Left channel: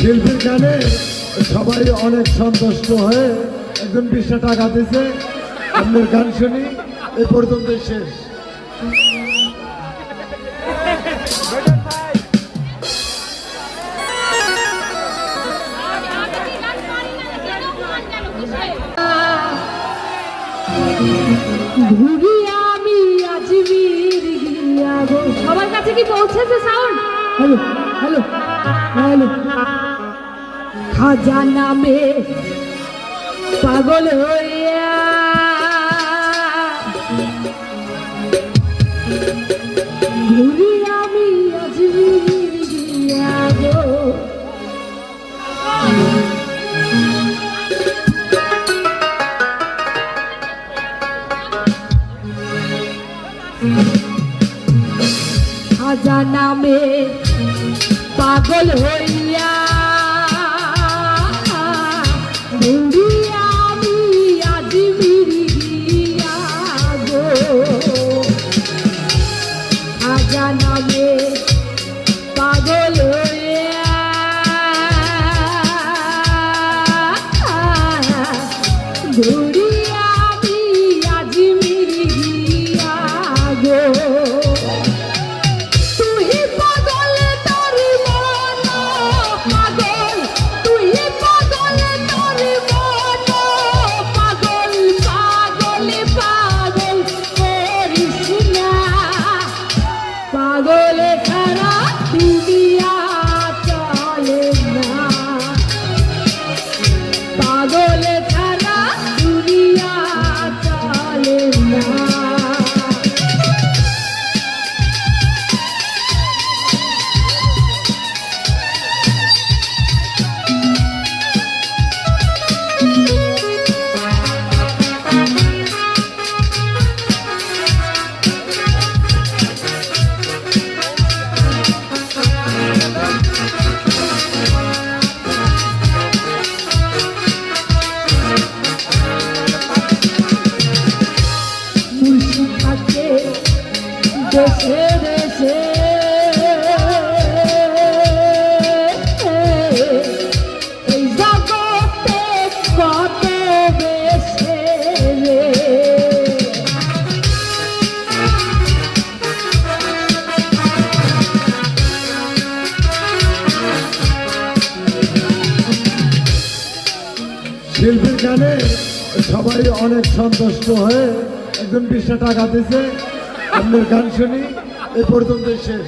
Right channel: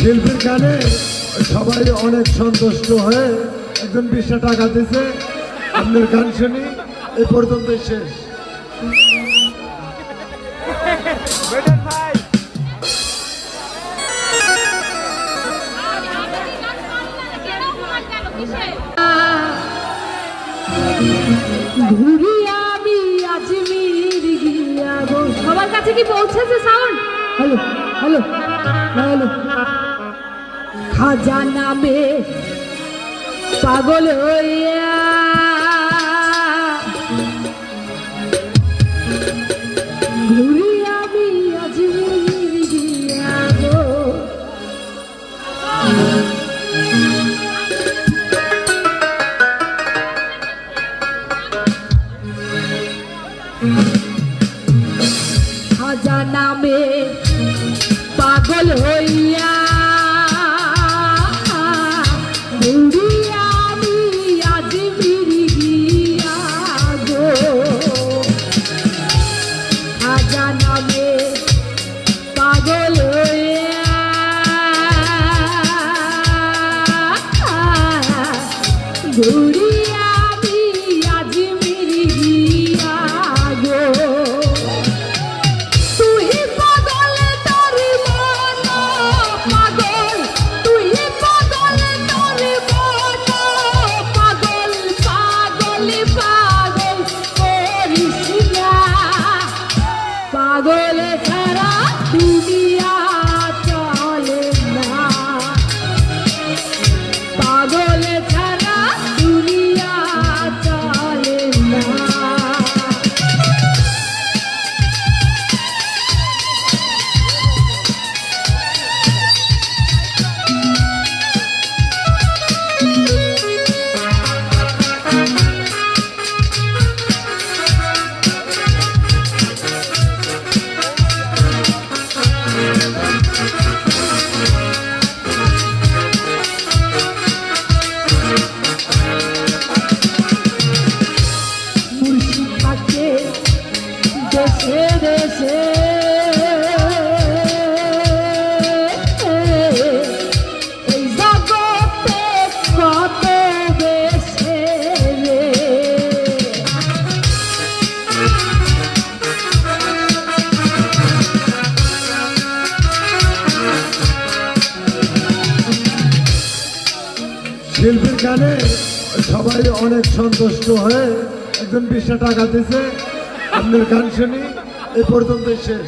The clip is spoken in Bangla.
শিল্পীর গানে সবাই অনেক সন্তুষ্ট হয়ে একজন 20 টাকা দিছে। আপনার গান শুনি এই পর্যন্ত শেষ। সবার কাছে কি পৌঁছেছে sound? Hello hello hello. Khaja নামে পাগল হইয়া ঘুরি আমি আজমির গিয়া গো। খাজা নামে পাগল হইয়া ঘুরি আমি আজমির গিয়া গো। খাজা নামে পাগল হইয়া ঘুরি আমি আজমির গিয়া গো। পাগলে ছাড়া দুনিয়া চলে না, পাগলে ছাড়া দুনিয়া চলে না। দেশে দেশে এই জগতে কত দেশে রে। শিল্পীর গানে সবাই অনেক সন্তুষ্ট হয়ে একজন 20 টাকা দিছে। আপনার গান শুনি এই পর্যন্ত শেষ।